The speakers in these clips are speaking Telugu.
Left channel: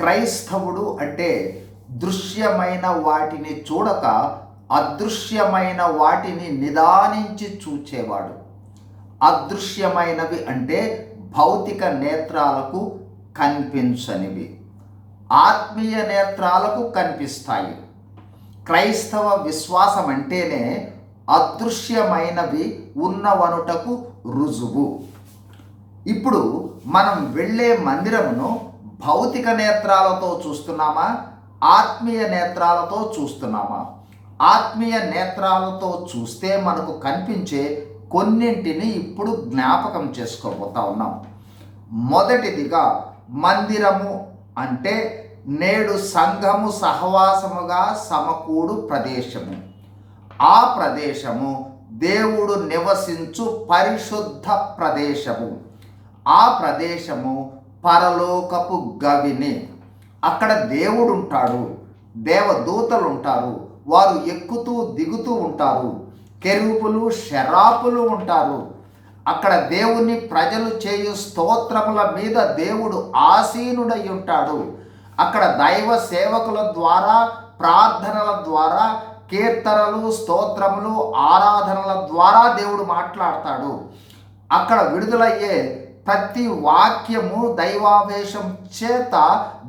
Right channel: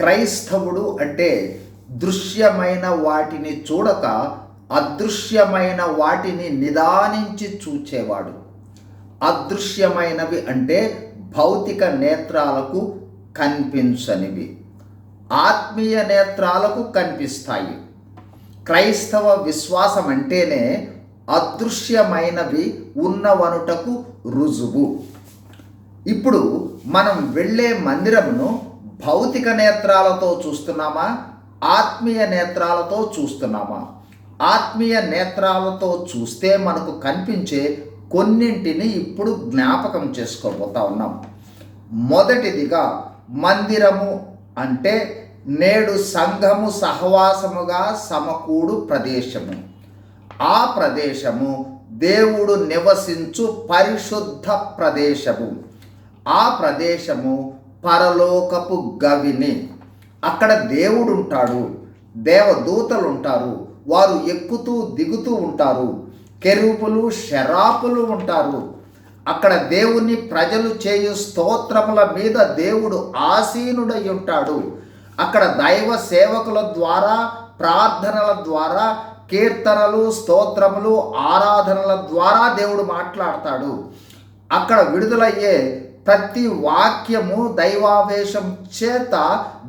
క్రైస్తవుడు అంటే దృశ్యమైన వాటిని చూడక అదృశ్యమైన వాటిని నిదానించి చూచేవాడు. అదృశ్యమైనవి అంటే భౌతిక నేత్రాలకు కనిపించనివి, ఆత్మీయ నేత్రాలకు కనిపిస్తాయి. క్రైస్తవ విశ్వాసం అంటేనే అదృశ్యమైనవి ఉన్నవనుటకు రుజువు. ఇప్పుడు మనం వెళ్ళే మందిరమును భౌతిక నేత్రాలతో చూస్తున్నామా, ఆత్మీయ నేత్రాలతో చూస్తున్నామా? ఆత్మీయ నేత్రాలతో చూస్తే మనకు కనిపించే కొన్నింటిని ఇప్పుడు జ్ఞాపకం చేసుకోబోతా ఉన్నాం. మొదటిదిగా, మందిరము అంటే నేడు సంఘము సహవాసముగా సమకూడు ప్రదేశము. ఆ ప్రదేశము దేవుడు నివసించు పరిశుద్ధ ప్రదేశము. ఆ ప్రదేశము పరలోకపు గవిని. అక్కడ దేవుడు ఉంటాడు, దేవదూతలు ఉంటారు, వారు ఎక్కుతూ దిగుతూ ఉంటారు, కెరూబులు శరాపులు ఉంటారు. అక్కడ దేవుని ప్రజలు చేయు స్తోత్రముల మీద దేవుడు ఆసీనుడై ఉంటాడు. అక్కడ దైవ సేవకుల ద్వారా, ప్రార్థనల ద్వారా, కీర్తనలు, స్తోత్రములు, ఆరాధనల ద్వారా దేవుడు మాట్లాడతాడు. అక్కడ విడుదలయ్యే ప్రతి వాక్యము దైవావేశం చేత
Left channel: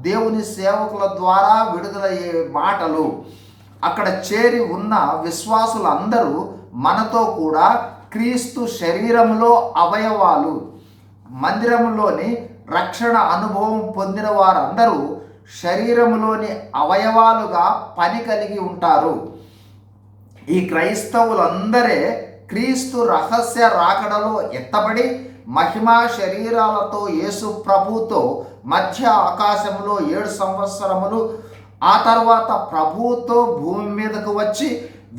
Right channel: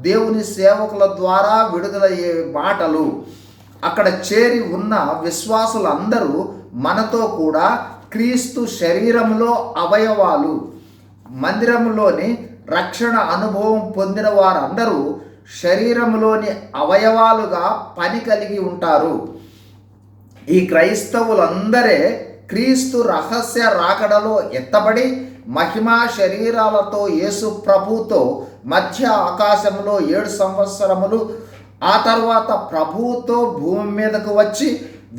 దేవుని సేవకుల ద్వారా విడుదలయ్యే మాటలు. అక్కడ చేరి ఉన్న విశ్వాసులందరూ మనతో కూడా క్రీస్తు శరీరంలో అవయవాలు. మందిరంలోని రక్షణ అనుభవం పొందిన వారందరూ శరీరంలోని అవయవాలుగా పని కలిగి ఉంటారు. ఈ క్రైస్తవులందరే క్రీస్తు రహస్య రాకడలో ఎత్తబడి మహిమా శరీరాలతో యేసు ప్రభుతో మధ్య ఆకాశంలో 7 సంవత్సరములు, ఆ తర్వాత ప్రభువుతో భూమి మీదకు వచ్చి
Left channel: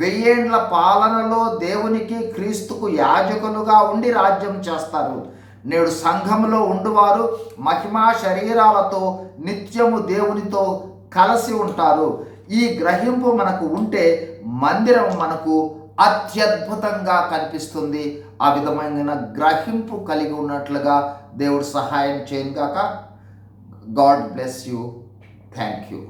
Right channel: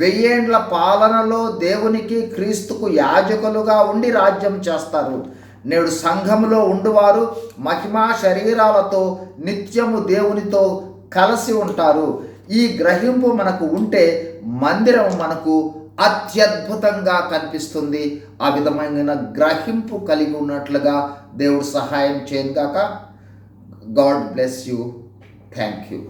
1000 ఏండ్ల పాలనలో దేవునికి క్రీస్తుకు యాజకులుగా ఉండి రాజ్యం చేస్తారు. నేడు సంఘములో ఉండువారు మహిమా శరీరాలతో నిత్యము దేవునితో కలిసి ఉంటారు. ఈ గ్రహింపు మనకు ఉంటే మందిరం మనకు అత్యద్భుతంగా కనిపిస్తుంది. ఆ విధమైన గ్రహింపు కలిగి ఉన్నట్లుగా దేవుడు సహాయం చేయను గాక. God bless you. Thank you.